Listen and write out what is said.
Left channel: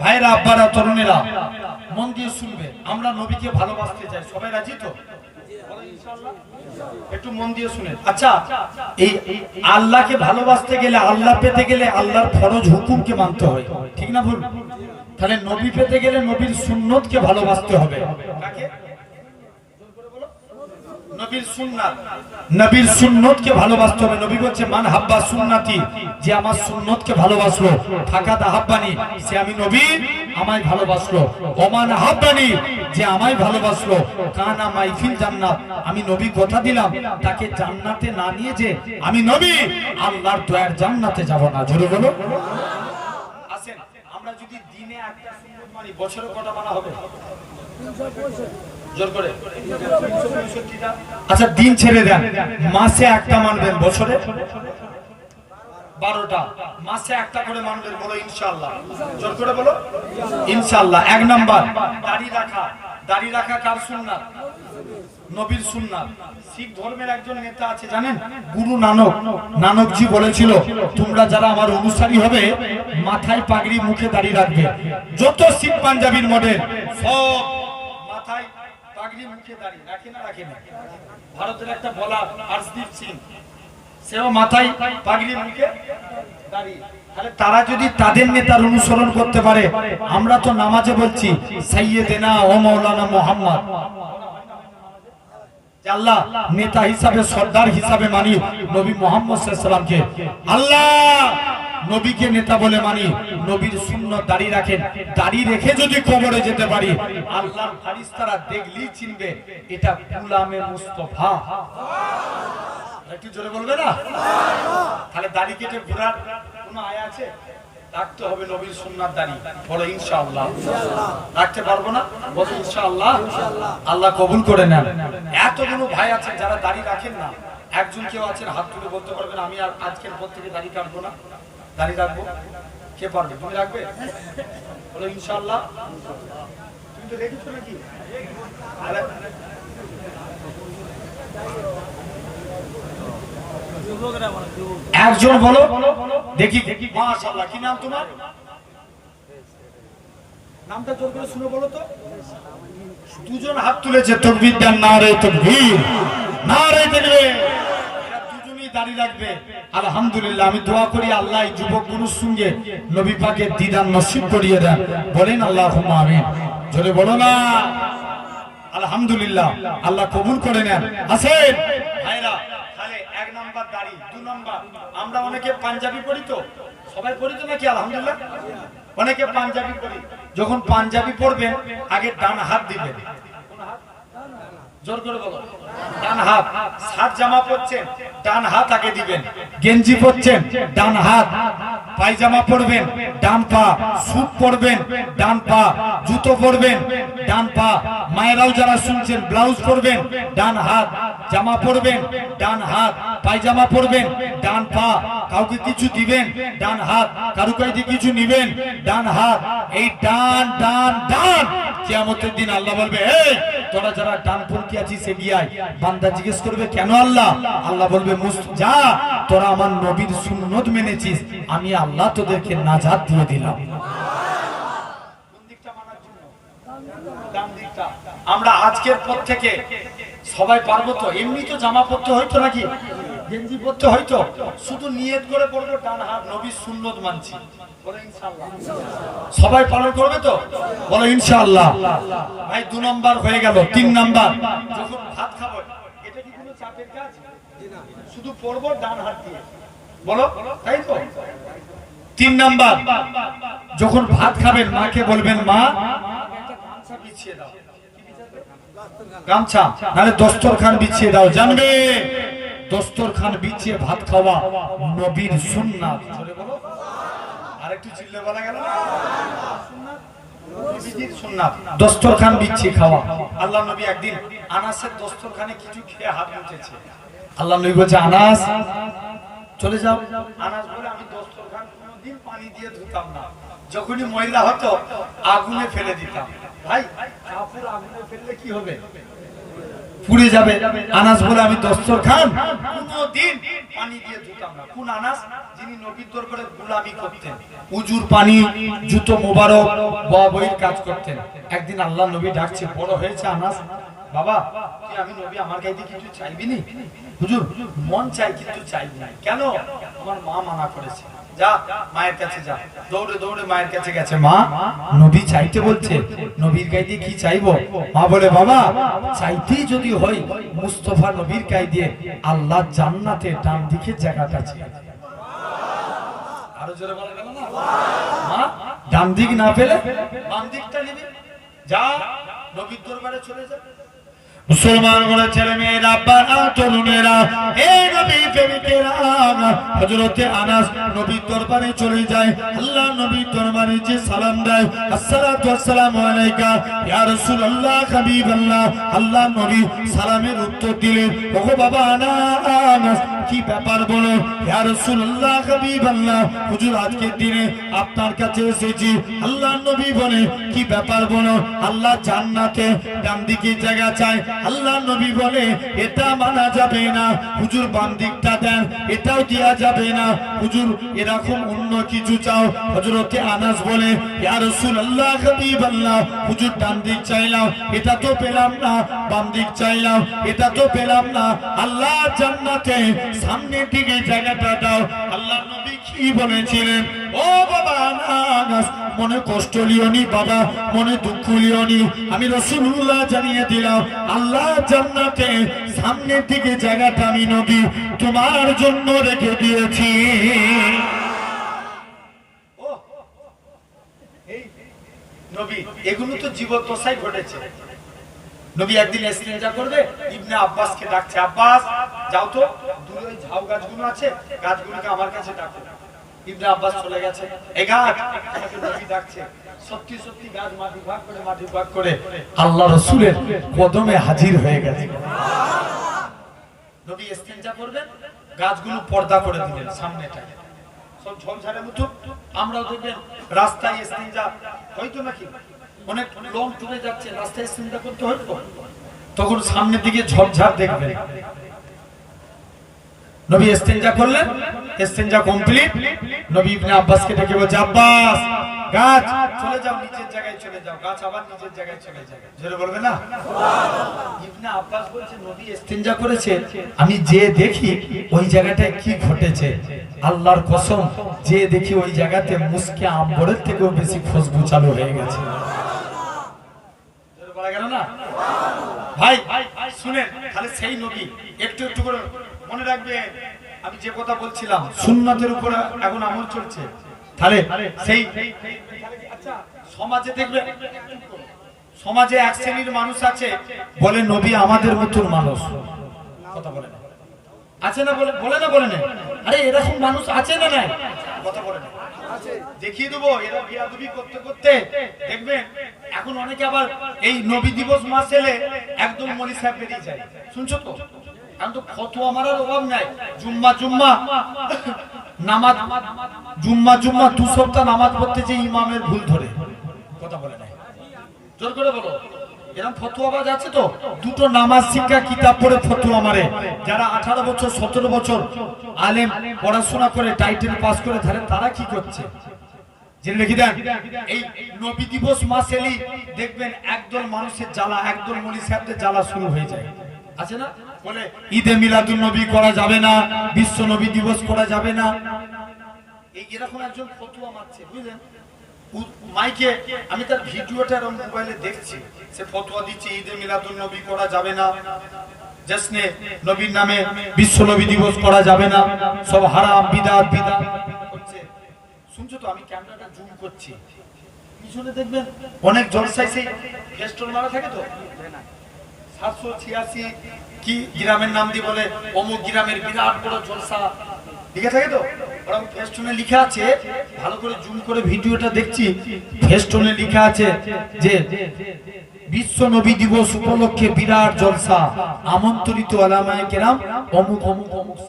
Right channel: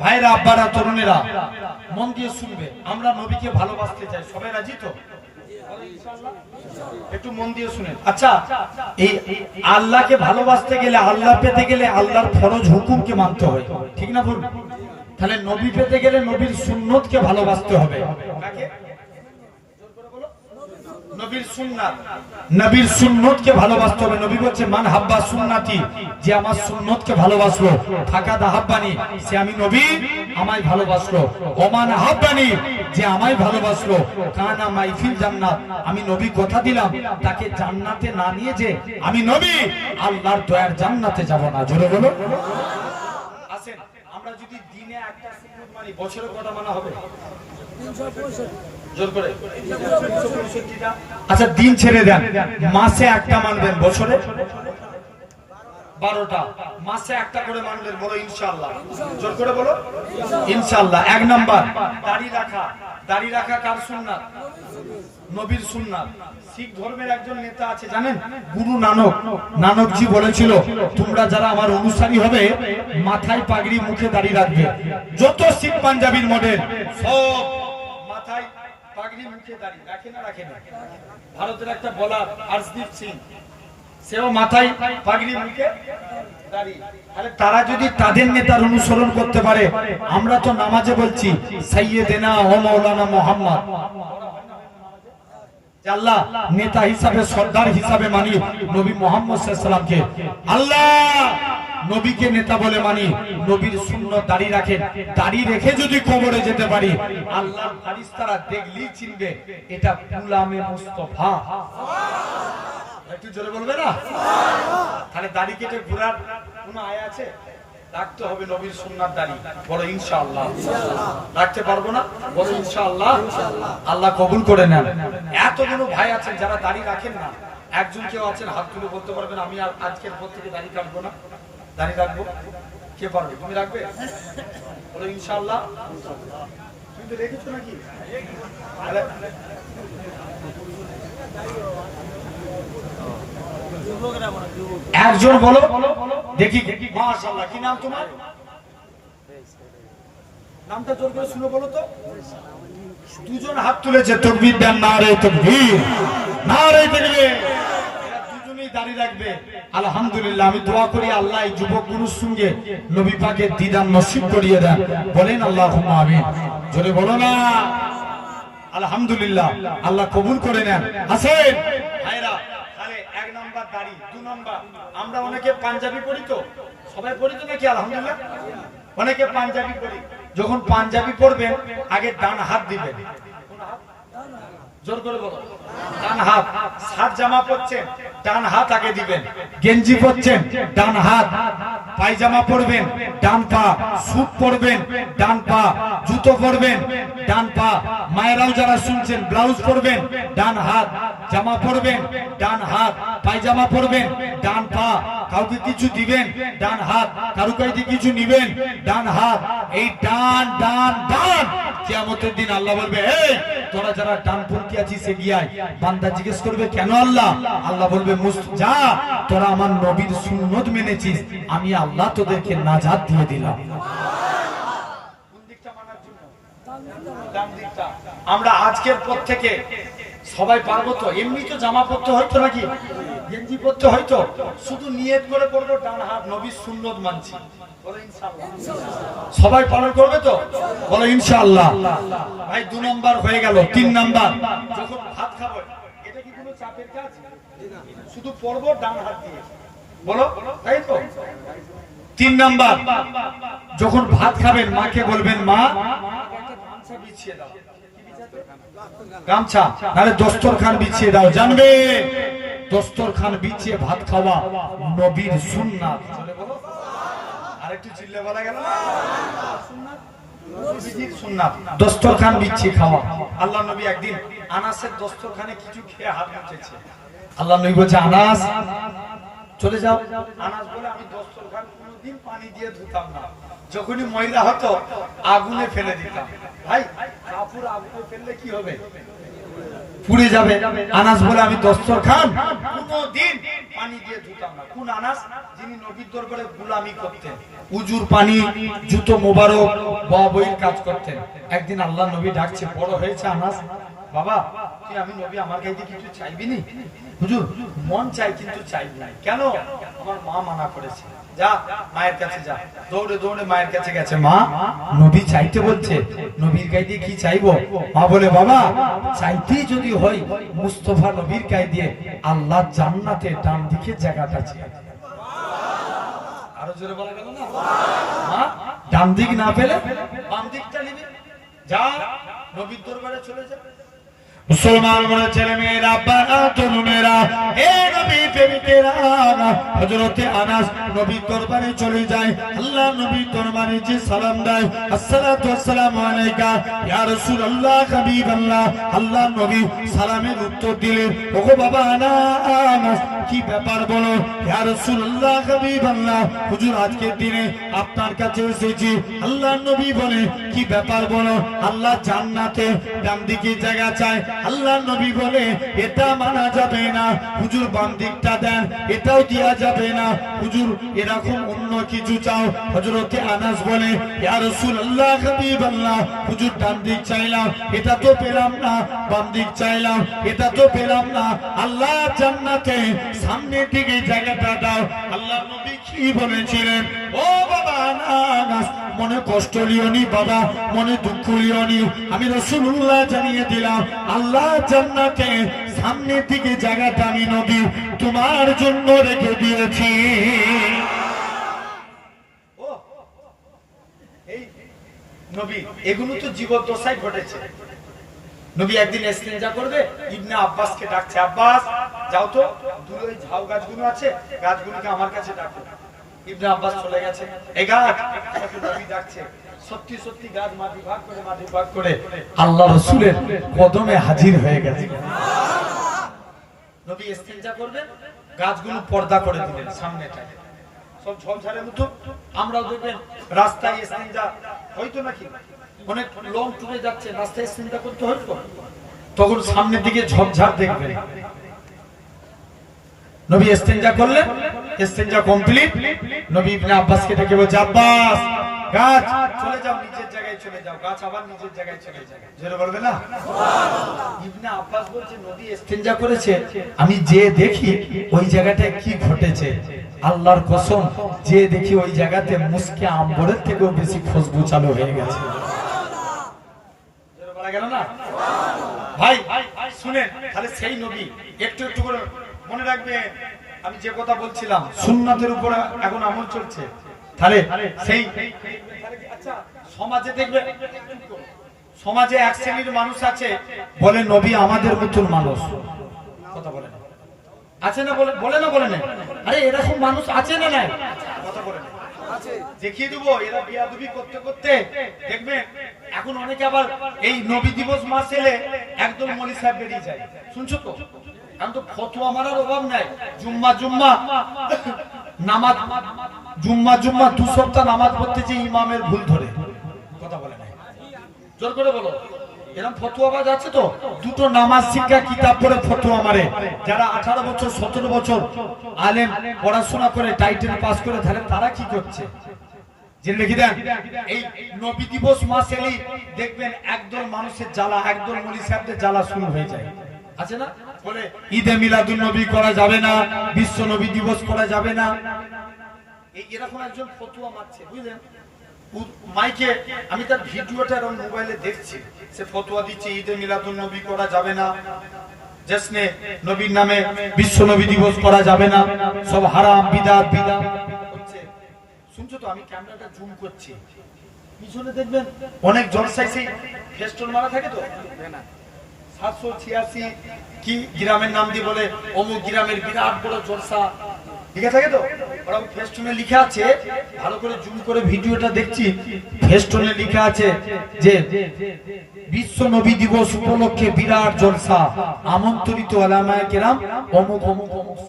ভাইরা, আব্বারা, তরুণেরা মন দিয়ে শুনবে। আমরা নবীকে ভালোবাসতে চাই, সবাই রাজি তো? একটু মন দিয়ে শুনেন। আচ্ছা, এই আল্লাহকে ভালোবাসতে গেলে, আল্লাহ পেতে গেলে আল্লাহর ফরজ হুকুমকে মানতে হয়, ঠিক না ভুল? তাহলে নবী পেতে গেলে নবীর সুন্নতকে ভালোবাসতে হবে। কাকে? নবীর সুন্নাত, নবীর সুন্নতকে ভালোবাসতে হবে। নবী বলছে মান হাব্বা সুন্নতি, যে আমার সুন্নতকে ভালোবাসলো, ফাকাদ আহাব্বানি, সে আমি নবী আমায় ভালোবাসলো। ওমান আহাব্বানি, যে আমায় ভালোবাসলো, কানা মাই ফিল জান্নাত, আমি নবী কথা দিলাম তাকে জান্নাতে না নিয়ে যে আমি নবী আল্লাহর দয়ার জান্নাতে যাব না। জোরে বলো। আসেন, আমরা যদি দিনে একটা সুন্নত মানি, বছরে কটা মানা হবে? জোর করে। আচ্ছা, দিন ছেড়ে দেন, মাসে একটা মানবেন, বছরে 12টা, মাসে একটা করে মানবেন। বলো ইনশাআল্লাহ। জোর করে বলো ইনশাআল্লাহ। 1 নাম্বার, দাড়ি রাখা। দাড়ি রাখা কার সুন্নাত? নবীর সুন্নাত। শিখ ধর্মের একজন নেতা আছে জানেন, গুরু নানক। নানকজি বলেছিল, তোমরা যারা আমার অনুসারী হবে মাথায় পাগড়ি, মুখে দাড়ি রাখবে। যত শিখ পাঞ্জাবির মডেল সব মাথায় পাগড়ি, মুখে দাড়ি রাখে না? রাখে না? ভারতের একটা বোলার হরদীপ সিং, সেও মাথায় পাগড়ি, মুখে দাড়ি। আরে তারা যদি তাদের নেতার অনুসরণ করতে পারে, আমরা তো নামাজে বলছি সাইয়্যিদেনা ও মাওলানা মুহাম্মদ, আল্লাহ নেতা হিসাবে, সর্দার হিসাবে মানি নবী মুহাম্মদ সাল্লাল্লাহু আলাইহি সাল্লামকে। আল্লাহ নবীকে নেতা বলে মানি। নবীর সুন্নাত দাড়ি রাখেন। দাড়ি রেখে যদি কবরে যেতে পারি, আল্লাহর ফেরেশতারা দেখলেই চিনবে এটা গোলামে মুস্তাফা। একটু জোরে বলবে না? তাহলে দাড়ি কেটে ঘোরার কোনো আয়া আছে? রাখতে হবে নবীর সুন্নাত দাড়ি। বলো ইনশাআল্লাহ। রাখতে পারবো না? বলো ইনশাআল্লাহ। আল্লাহ কবুল করে নেন। এতগুলো ভাই আছেন যারা দাড়ি রাখেন না, একজন কেউ আছেন হাত তুলে বলতে পারবেন আমি আর আজকের পর থেকে দাড়ি কাটবো না? দাড়ি রাখবো? কে পারবে? তুমি রাখবে? বলো ইনশাআল্লাহ। তুমি তো রেখেছো নাকি? আরে একজন বলো দেখি। মাশাআল্লাহ, কি নাম তোমার? নামটা জোর করে শুনে বলো তো। দুজন হাত তুলেছে, তাকবীর দেন, নারে তাকবীর, নারে তাকবীর। দুজনেই দাড়ি রাখবে। আলহামদুলিল্লাহ। আমি দোয়া করি আল্লাহ এই যুবক গুরুর সঙ্গে নবী পাকের দিদার নসিব করিয়ে দেন। বলেন আল্লাহুম্মা আমিন। জোরে বলো না আলহামদুলিল্লাহ। আল্লাহ কবুল করে নেন। আসেন ভাইরা, তাহলে 1 নাম্বার দাড়ি। 2 নাম্বার, আমরা অনেকে পাঞ্জাবি পরি তো, সবাই পরি তো নাকি? আলহামদুলিল্লাহ। অনেকে পাঞ্জাবি পরি। যখন পাঞ্জাবি পরবেন আগে ডান হাত দিবেন। জোর করে বলো ডান হাত। শার্ট জামা পরছেন, ডান হাত আগে দিবেন। গেঞ্জি পরছেন, ডান হাত। পায়জামা পরবেন, ডান পা। স্যুট পরবেন, ডান পা। জুতো পরবেন, ডান পা। মায়েরাও যারা শুনছেন, ব্লাউজ পরবেন, ডান হাত। জামা পরবেন, ডান হাত। পায়জামা পরবেন, ডান পা। কাউকে কিছু দিবেন, ডান হাত। কারো কাছে কিছু নিবেন, ডান হাত। এই ডান ডান ডান। কিয়ামতের দিন আল্লাহ বলবে, এই তোরা যারা ডানপন্থী আছিস এগিয়ে আয়। বান্দা জিজ্ঞেস করবে, কেন আল্লাহ? আল্লাহ বলবে, যা, তোরা আমার নবীর সুন্নত মেনেছিস, আমি আল্লাহ তোদেরকে নাজাত দিয়ে দিলাম। আমরা আজকের পর থেকে সবাই পারবো তো? এমনি তো জামা পরতে হয়তো নাকি, গেঞ্জি পরতে হয়তো, শুধু নিয়ত করে পড়বো ডান হাত, নবীর সুন্নত মানছি। বলো ইনশাআল্লাহ। সবাই পালন করবে তো? বলো ইনশাআল্লাহ। ভাই 2 নাম্বার হয়ে গেল। 3 নাম্বার, যখন ভাত খাবো, এটা কি কোনো চাপের কাজ? শুধু পড়বো ডান হাত দিয়ে। বলো, তাই তো? 3 নাম্বার, যখন ভাত খাবেন মাকে বলবেন, মা একটা গামছা বিছিয়ে দাও। গামছা নাহলে দস্তরখান বিছিয়ে দাও। জানবে দস্তরখান বিছিয়ে ভাত খাওয়া নবীর সুন্নাত। বলো আরেকটু চিল্লে বলা গেল না? সুন্নাত, নবীজির সুন্নাত। দস্তরখান বিছিয়ে খাওয়া। আল্লাহ নবী একদিন আনাসের দস্তরখানে কিছু খেয়ে হাত মুছেছে। আল্লাহ নবী বলছে, আনাস চলে যাও। আনাস বলে, আমি দস্তরখান কোনোদিন পানি দিয়ে ধুতাম না, যখনই ময়লা হতো আগুনে ফেলে দিতাম। ভাই কাপড় আগুনে ফেললে কি হবে? পুড়ে যাবে। আনাস বলে আমি দস্তরখান কোনদিন পানি দিয়ে ধুতাম না। কোন আনাস? যিনি নবীর দরবারে গোলামি করতেন, উজুর পানি, জুতো মোবারক, বইয়ের কাজ করতেন। একদিন আল্লাহ নবী ডাকছে, বড় হয়েছে আনাস, বাবা তুই আমি নবী আমার গাইতে কিছু চাইবি নি? হুজুর মন চাই কিন্তু চাইবি না। কেন? আমার মা মানা করেছে। যা মায়ের কাছে যা। দৌড়ে দৌড়ে মায়ের কাছে গেছে। মা, নবী চাইতে বলছে, নবীর গাইতে কি চাইবো? মা বলে, বাবা চাইতেই যদি হয় মুস্তাফা নবীর গায়ে দিয়ে আল্লাহ জান্নাতে ডান দিকে জায়গাটা আছে। আরো জোরে বলা গেল না? মা ডান দিক না পেলে বাম দিকটা নিবি। যা নবীর দরবারে চলে যা। মুসলমান বলে ছেলে মেয়েরা, বাবা তরুণেরা, এই নবী প্রেমিকেরা, হযরতে আনাস নবীর দরবারে চলে যায়। আল্লাহ নবীর দরবারে যে সালাম দেয়, আসসালাতু ওয়াসসালামু আলাইকা ইয়া রাসূলুল্লাহ হাবিবাল্লাহ। আল্লাহ নবী সালামের উত্তর দিলেন, ওগো বাবা আনাস কি ব্যাপার বলো? ইয়া রাসূলুল্লাহ হাবিবাল্লাহ, হুজুর আজকের দিনে আপনার কাছে এসেছি। আল্লাহ নবী বলে, কি ব্যাপার বলো? আল্লাহ জান্নাতে ডান দিকে জায়গা চায়। আল্লাহ নবী বলে, এটা মানা যাবে না হুজুর, বাম দিকটা দেন, এটাও দেয়া যাবে না হুজুর, এরকম অন্য কিছু চাও। হযরতে আনাস বলে, ইয়া রাসূলুল্লাহ হাবিবাল্লাহ, হুজুর ডান দিক চাইলাম, এটা তো পেলাম না, বাম দিক চাইলাম, এটা তো পেলাম না, আল্লাহ জান্নাতে সামনের দিকে জায়গাটা দাও। আল্লাহ নবী কি বলেছিলেন? ও বাবা আনাস, মনে কষ্ট লিওনি বাবা, মনে দুঃখ লিওনি, আমি রাসূলুল্লাহ জানিয়ে দিলাম, আল্লাহ জান্নাতে সামনের দিকে জায়গাটা আমি নবী তোমার জন্য রেখে দিয়েছি। ও এই নবী, এগুলো তো জীবদ্দশায় ঘটেছে। নবী একদিন ইস্তেঞ্জা করবে, ইবনে আব্বাসকে ডাকছে, আব্বাস যাও তো দূরে ওই ঝাউ গাছগুলো আছে, গাছগুলোকে আমার কাছে ডাকো। ইবনে আব্বাস চলে গেছে, এই গাছ আমাকে নবী ডাকছে। সত্যি সত্যি গাছ মাটি ভাগ করে আল্লাহ রাসূলের কদমে হাজির হয়ে গেছে। নবী ইস্তেঞ্জা করবেন, গাছগুলো পর্দা করে দিলেন সামনেটা, সব ঝঞ্ঝারের মতো। আমরাও দেখবেন রাস্তায় ইস্তেঞ্জা হয়তো নাকি অনেক লং টুরে যাচ্ছে, রাস্তায় ইস্তেঞ্জা করতে হয়তো, তখন সামনের দিকে ঝঞ্ঝার দেখবেন। নবী ইস্তেঞ্জা করলেন, ইস্তেঞ্জা কমপ্লিট। নবী ইবনে আব্বাসকে ডেকে বলছে, আব্বাস গাছ চলে যাও, নিচের জায়গায় চলে যাও। গাছ আবার নিচের জায়গায় চলে যায়। জোরে বলবে না? ইবনে আব্বাস বলছে, নবী ইস্তেঞ্জা করেছে, আমি যে দেখি ওই জায়গাটায় কি ঘটেছে, আল্লাহর কসম যে দেখি ওই জায়গাতে মুস্কে আম্বরের থেকেও বেশি খুশবু চালু হয়ে গেছে। জোরে বলা গেল না? ভাই শুনেন, তাহলে সেই নবী একটু একটু করে মনে রাখবেন। আমি যে কথা বলছিলাম, সুন্নাতের উপর এখন আমল চলছে। তাহলে সেই আচ্ছা, সমাজে দেখবে, সমাজে এক শ্রেণীর মানুষ আছে বলে নবী আমাদের মতন মানুষ, কথা বলে না, আছে না? বলে না, বলে না? আরে এরকম মানুষ আছে না? নাই? কথা বলে না, দেখিয়ে দেবো। এরা বিয়াদবি করতে করতে দেখবেন এখন অনেকে আবার এই নবী দিবস মাস এলে একদম মলি সাহেব বেরিয়ে যায়। শুনছো তো? এখন তো ফতোয়া মারার অভাব নাই। জুম্মা নামাজ, জুম্মা 2 সপ্তাহ নামাজ পড়তে যে ইমামের ভুল ধরে, কথা বলে না, জোর করে বলো। এরকম ফতোয়াবাজ আছে তো, দুটো নামাজ শিক্ষা কিতাব পড়ে ফতোয়া মারে। যারা 18 বছর 17 বছর আলেম পড়াশোনা করে টাইটেল পাস করে ধরে, তারা কি করছে জেনে রেখে দেন। এই নবী দিবস মাস এলেই দেখবেন একদল মানুষের জ্বালা, একদল মলি সাহেবদের জ্বালা শুরু হয়ে যায়, আছে না? বলে ঈদে মিলাদুন নবী করা যাবে না, বিশ্ব নবী দিবস করা যাবে না। এরকম একজন ফতোয়া মারছে, বুঝলেন? মাইকে আমি তার ভিডিওটা এরকম মোবাইলে দেখছি, সে ফতোয়া দিচ্ছে ঈদে মিলাদুন নবী করা যাবে না, জশ্নে নবীর নামে বিশ্ব নবী দিবস করা যাবে না, সব হারাম, বিদআত হচ্ছে। শুনছো তো? আমি ক্যামেরাটা জুম করছি, পিছনে দেখবেন অনেক জলসায় সেই ফেস্টুন মারা থাকে তো, 786 কি গ্রামের নাম দিয়ে বলে অমুক গ্রামের বিরাট বড় জলসা, ঠিক আছে তো? ওরা ফেস্টুনে লেখা আছে, ভালো করে জুম করে ভিডিওটা দেখছি, ফেস্টুনে লেখা আছে যে বিশ্ব নবী দিবস উপলক্ষে বিরাট জলসা, আমন্ত্রিত ওলামায়ে কেরাম অমুক অমুক অমুক।